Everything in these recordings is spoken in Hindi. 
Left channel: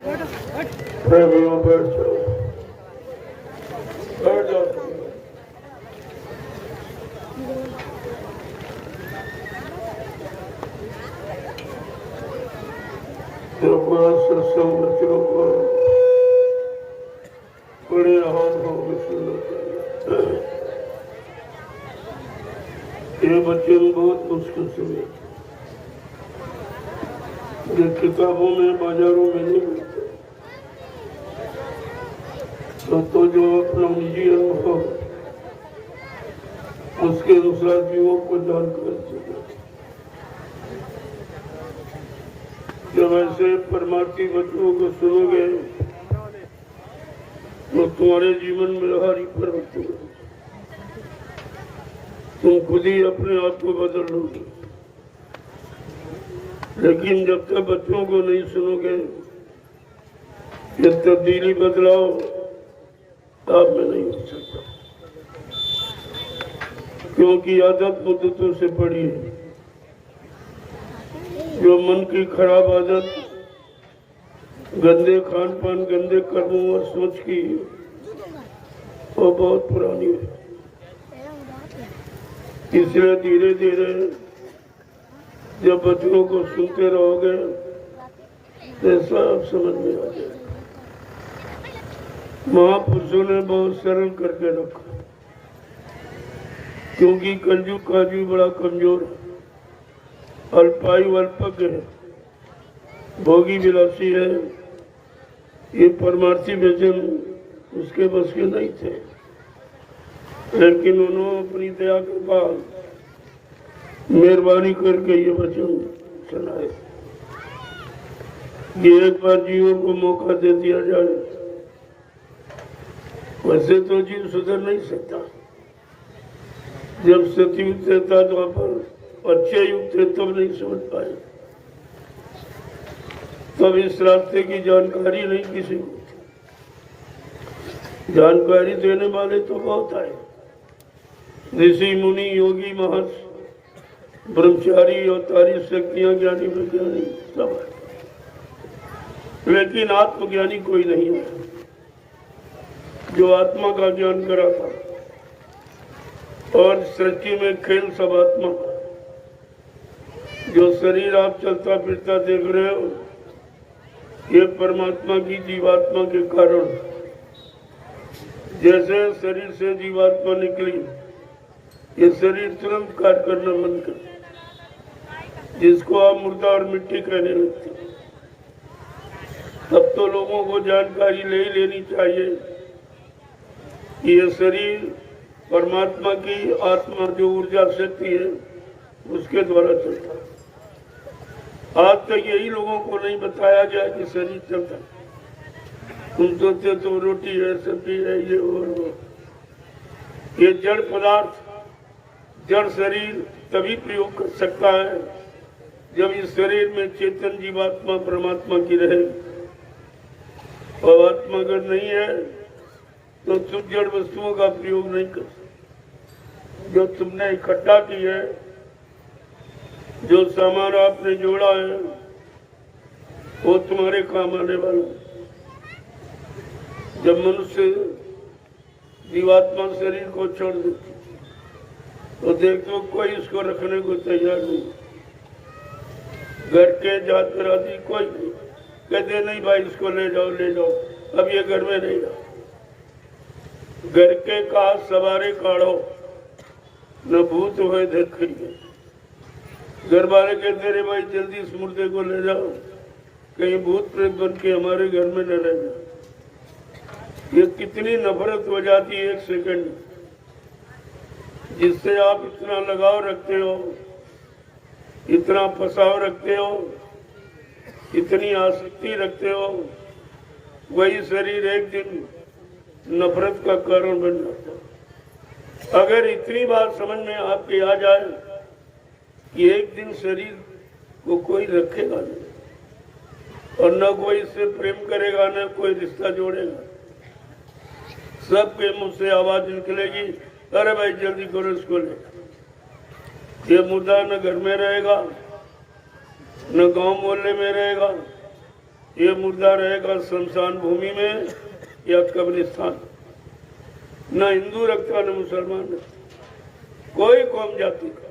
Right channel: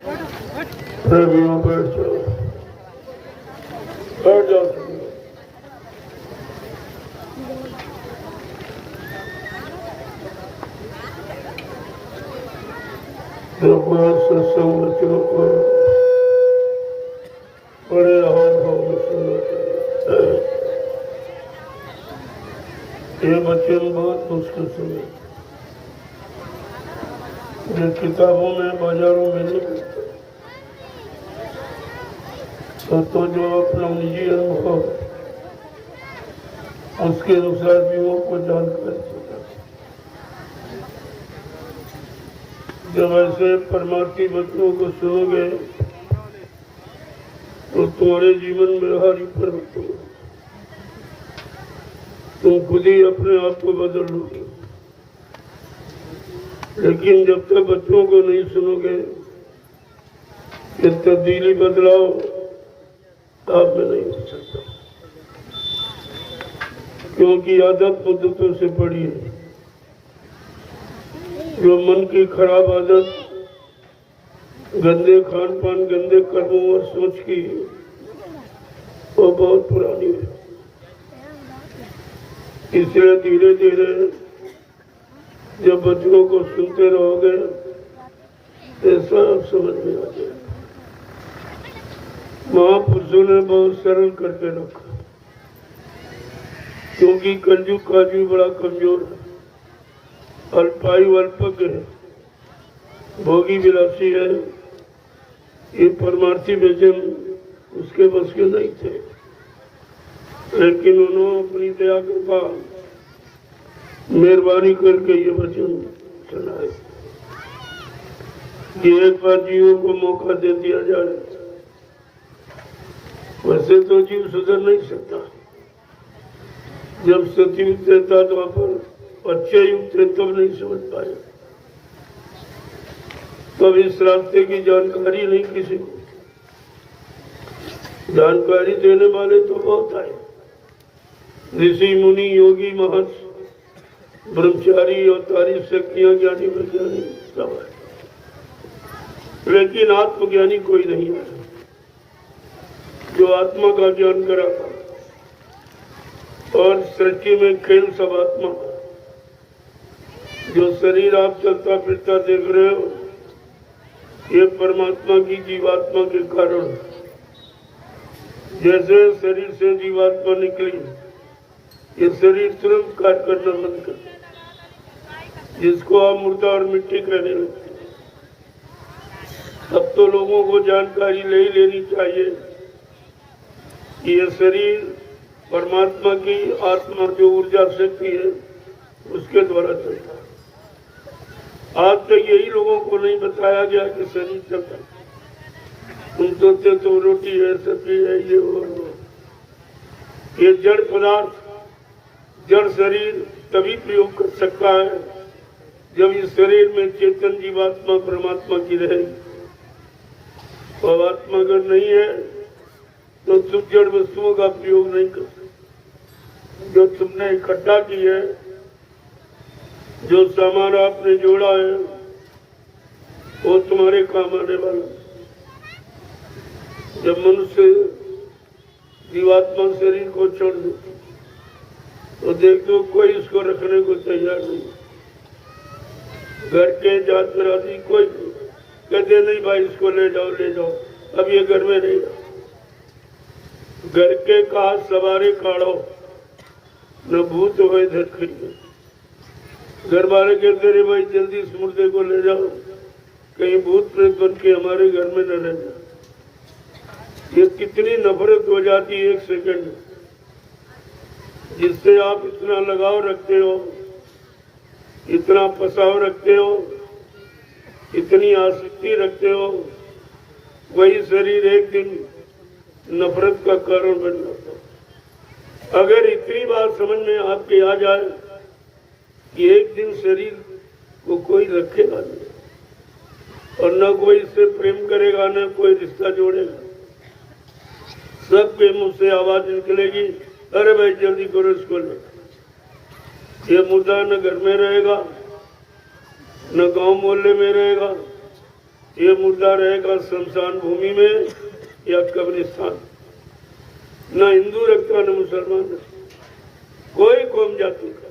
प्रभु बैठ जाओ, बैठ जाओ। अपना सत्संग बच्चों को बड़े आवाज होगी सुनो। ये वचन बहुत मुश्किल से जो किताबों में बाजारों में नहीं मिलते, तो जो अपना निजी अनुभव उसके अनुसार जीवों को जानकारी देता। जब ऐसे परमार्थी वचनों को सुनोगे तो तुम्हारे जीवन में हर परिवर्तन होगा। तुम खुद ही अपने आप को बदल लोगे। लेकिन जब तक बच्चों को नहीं सुनोगे, ये तब्दीली बदलाव आप में नहीं हो सकता, क्योंकि आदत मुद्दतों से पड़ी है। जो मन की खराब आदत, गंदे खान पान, गंदे कर्मों और सोच की, वो बहुत पुरानी है। इसलिए धीरे धीरे जब बच्चों को सुनते रहोगे तो सब समझ में आ जाए। महापुरुषों ने बहुत सरल करके रखा, क्योंकि कलयुग का जीव बड़ा कमजोर है, अल्पायु अल्पज्ञ है, भोगी विलासी है। ये परमार्थी वचन उसके बस के नहीं थे, लेकिन उन्होंने अपनी दया कृपा मेहरबानी करके ये वचन सुनाए कि एक बार जीवों को मौका दे दिया जाए। वैसे तो जीव सुधर नहीं सकता। जब सतयुग था द्वापर, अच्छे युग थे, तब नहीं समझ पाए, तब इस रास्ते की जानकारी नहीं किसी को। जानकारी देने वाले तो बहुत आए, ऋषि मुनि योगी महर्षि ब्रह्मचारी अवतारी शक्तियां ज्ञानी विज्ञानी सब है, लेकिन आत्मज्ञानी कोई नहीं है जो आत्मा का ज्ञान करा था। और सृष्टि में खेल सब आत्मा, जो शरीर आप चलता फिरता देख रहे हो, ये परमात्मा की जीवात्मा के कारण। जैसे शरीर से जीवात्मा निकली, ये शरीर तुरंत कार्य करना बंद कर, जिसको आप मुर्दा और मिट्टी कहने लगते। अब तो लोगों को जानकारी ले ही लेनी चाहिए कि ये शरीर परमात्मा की आत्मा जो ऊर्जा शक्ति है उसके द्वारा चलता है। आज तक यही लोगों को नहीं बताया गया कि शरीर चलता है। तुम सोचते तो रोटी है, सब्जी है, ये वो। ये जड़ पदार्थ, जड़ शरीर तभी प्रयोग कर सकता है जब इस शरीर में चेतन जीवात्मा परमात्मा की रहे। और आत्मा अगर नहीं है तो तुम जड़ वस्तुओं का प्रयोग नहीं कर सकते। जो तुमने इकट्ठा की है, जो सामान आपने जोड़ा है, वो तुम्हारे काम आने वाला। जब मनुष्य जीवात्मा शरीर को छोड़ देती तो देखो कोई इसको रखने को तैयार नहीं। घर के जात राजी कोई कहते नहीं भाई इसको ले जाओ ले जाओ, अब ये घर में नहीं रहा। घर के कहा सवारे काढ़ो, न भूत हुए धरखी। घर वाले कहते रहे भाई जल्दी इस मुर्दे को ले जाओ, कहीं भूत प्रेत बन के हमारे घर में न रह जाए। ये कितनी नफरत हो जाती है एक सेकंड में, जिससे आप इतना लगाव रखते हो, इतना फसाव रखते हो, इतनी आसक्ति रखते हो, वही शरीर एक दिन नफरत का कारण बन जाता है। अगर इतनी बात समझ में आपके आ जाए कि एक दिन शरीर को कोई रखेगा नहीं, और न कोई इससे प्रेम करेगा, न कोई रिश्ता जोड़ेगा, सबके मुंह से आवाज निकलेगी, अरे भाई जल्दी करो इसको ले। ये मुर्दा न घर में रहेगा, न गांव मोहल्ले में रहेगा, ये मुर्दा रहेगा शमशान भूमि में या कब्रिस्तान। न हिंदू रखता न मुसलमान रखता, कोई कौम जाति का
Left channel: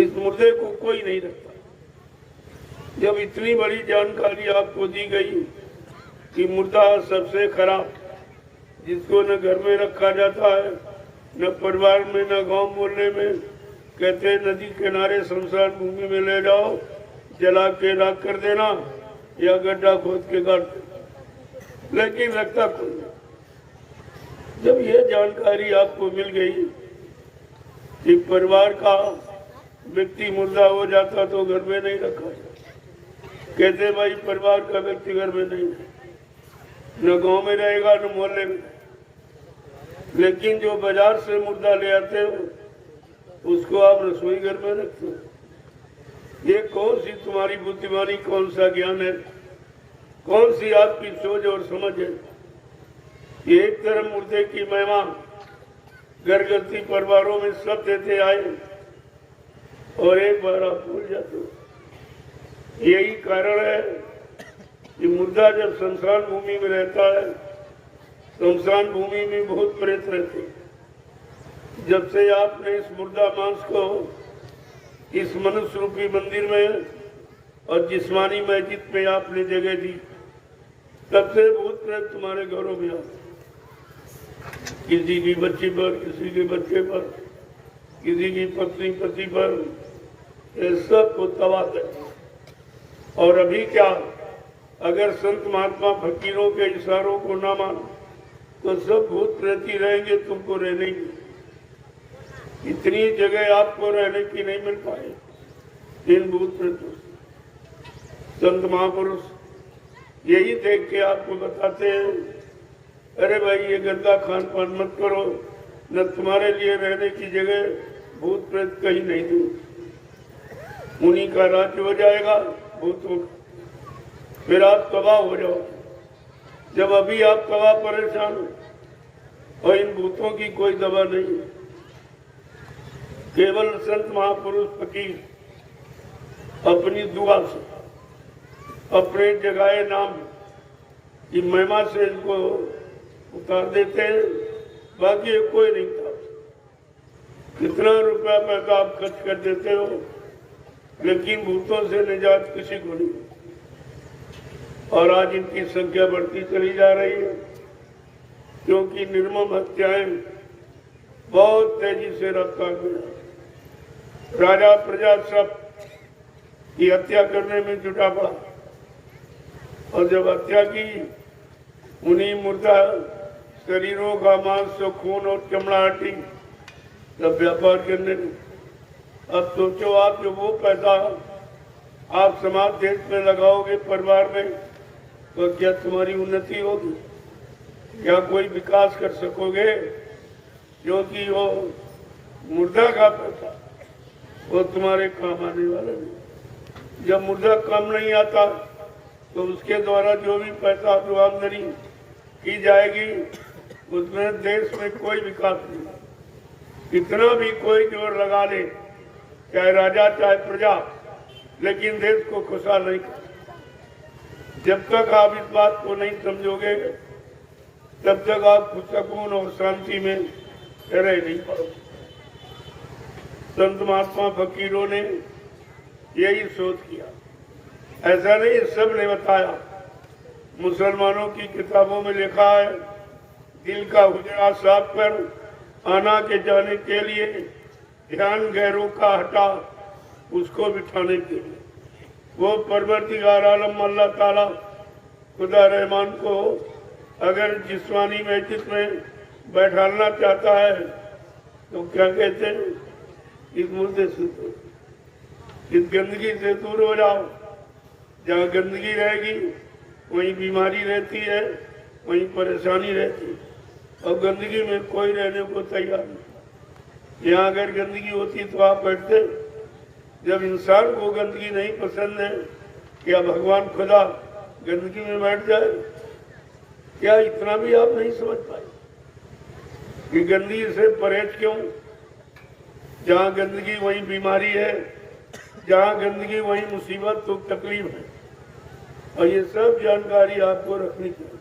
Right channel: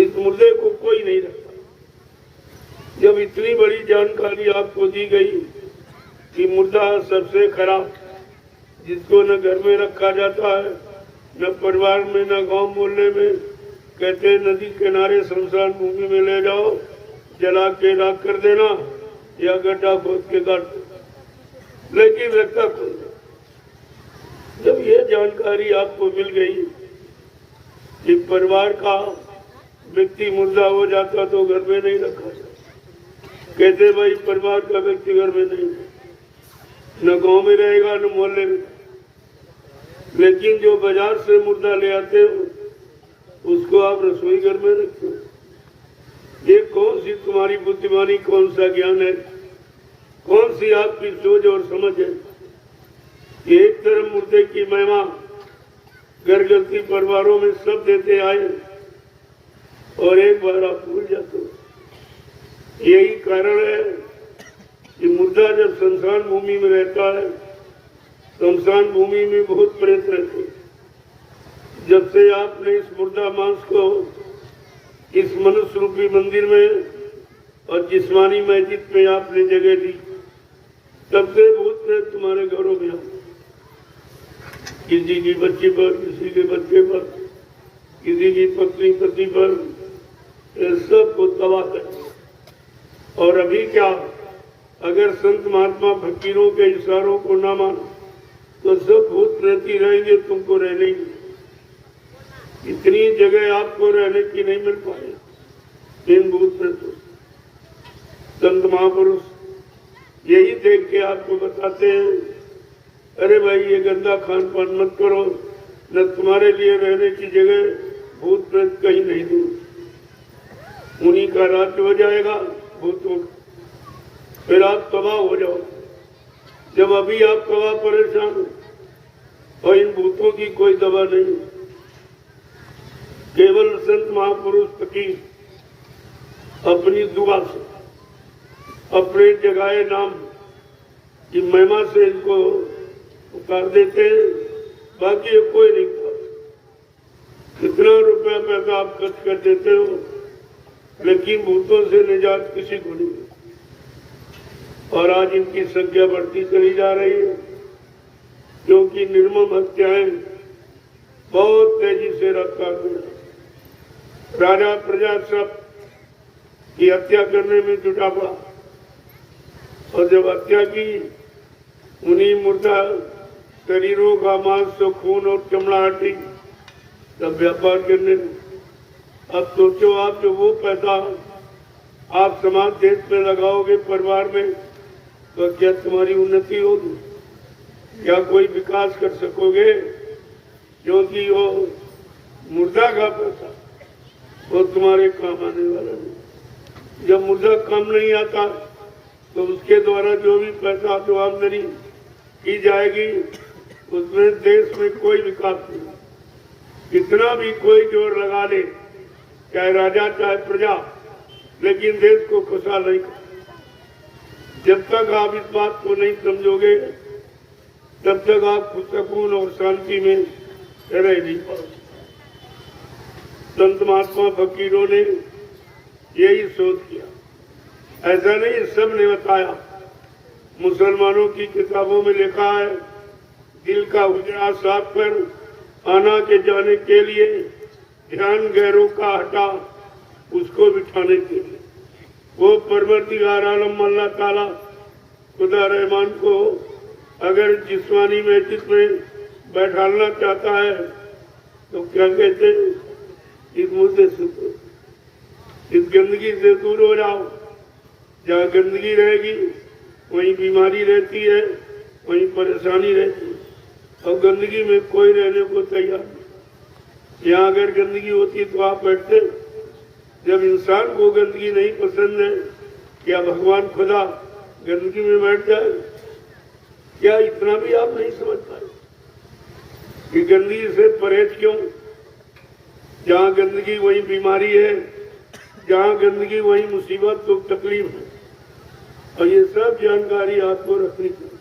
इस मुर्दे को कोई नहीं रखता। जब इतनी बड़ी जानकारी आपको दी गई कि मुर्दा सबसे खराब, जिसको न घर में रखा जाता है, न परिवार में, न गांव मोहल्ले में, कहते नदी किनारे शमशान भूमि में ले जाओ, जला के राख कर देना या गड्ढा खोद के गाड़ देना, लेकिन रखता कोई। जब ये जानकारी आपको मिल गई कि परिवार का व्यक्ति मुर्दा हो जाता तो घर में नहीं रखा जाता, कहते भाई परिवार का व्यक्ति घर में नहीं, न गांव में रहेगा न मोहल्ले में, लेकिन जो बाजार से मुर्दा ले आते हो उसको आप रसोई घर में रखते हो। ये कौन सी तुम्हारी बुद्धिमानी, कौन सा ज्ञान है, कौन सी आपकी सोच और समझ है? एक तरफ मुर्दे की महिमा घर गृहस्थी परिवारों में सब देते आए और एक बार आप भूल जाते हो। यही कारण है कि मुर्दा जब शमशान भूमि में रहता है, शमशान भूमि में बहुत प्रेत रहते हैं। जब से आपने इस मुर्दा मांस को इस मनुष्य रूपी मंदिर में और जिस्मानी मस्जिद में आपने जगह दी, तब से भूत प्रेत तुम्हारे घरों में आते, किसी की बच्ची पर, किसी के बच्चे पर, किसी की पत्नी पति पर, सब को तबाह कर। और अभी क्या, अगर संत महात्मा फकीरों के इशारों को न मानो तो सब भूत प्रेत ही रहेंगे, तुमको रहने की इतनी जगह आपको रहने की नहीं मिल पाए इन भूत प्रेतों। संत महापुरुष यही देख के आपको बताते हैं, अरे भाई ये गंदा खान पान मत करो, न तुम्हारे लिए रहने की जगह भूत प्रेत कहीं नहीं दूँ, उन्हीं का राज्य हो जाएगा भूतों, फिर आप तबाह हो जाओ। जब अभी आप तबाह परेशान हो और इन भूतों की कोई दवा नहीं, केवल संत महापुरुष फकीर अपनी दुआ से, अपने जगाए नाम की महिमा से इनको उतार देते हैं, बाकी कोई नहीं उतार। कितना रुपया पैसा आप खर्च कर देते हो, लेकिन भूतों से निजात किसी को नहीं। और आज इनकी संख्या बढ़ती चली जा रही है, क्योंकि निर्मम हत्याएं बहुत तेजी से रफ्तार में, राजा प्रजा सब की हत्या करने में जुटा पड़ा। और जब हत्या की, उन्हीं मुर्दा शरीरों का मांस, खून और चमड़ा हटी, तब व्यापार करने में। अब सोचो आप, जो वो पैसा आप समाज देश में लगाओगे परिवार में, तो क्या तुम्हारी उन्नति होगी? क्या कोई विकास कर सकोगे? क्योंकि वो मुर्दा का पैसा वो तुम्हारे काम आने वाला नहीं। जब मुर्दा काम नहीं आता तो उसके द्वारा जो भी पैसा, जो आमदनी की जाएगी, उसमें देश में कोई विकास नहीं। कितना भी कोई जोर लगा ले, चाहे राजा चाहे प्रजा, लेकिन देश को खुशहाल नहीं कर। जब तक आप इस बात को नहीं समझोगे, तब तक आप सुकून और शांति में रह नहीं पाओगे। संत महात्मा फकीरों ने यही सोच किया, ऐसा नहीं सब ने बताया। मुसलमानों की किताबों में लिखा है, दिल का हुजरा साफ कर आना के जाने के लिए ध्यान गैरों का हटा उसको बिठाने के लिए। वो परवरदिगार आलम अल्लाह ताला खुदा रहमान को अगर जिस्मानी मस्जिद में बैठाना चाहता है तो क्या कहते हैं, इस मुद्दे से, इस गंदगी से दूर हो जाओ। जहाँ गंदगी रहेगी वहीं बीमारी रहती है, वहीं परेशानी रहती है, और गंदगी में कोई रहने को तैयार नहीं। यहाँ अगर गंदगी होती तो आप बैठते। जब इंसान को गंदगी नहीं पसंद है, क्या भगवान खुदा गंदगी में बैठ जाए? क्या इतना भी आप नहीं समझ पाए कि गंदगी से परहेज क्यों? जहाँ गंदगी वहीं बीमारी है, जहाँ गंदगी वहीं मुसीबत तो तकलीफ है। और ये सब जानकारी आपको रखनी चाहिए।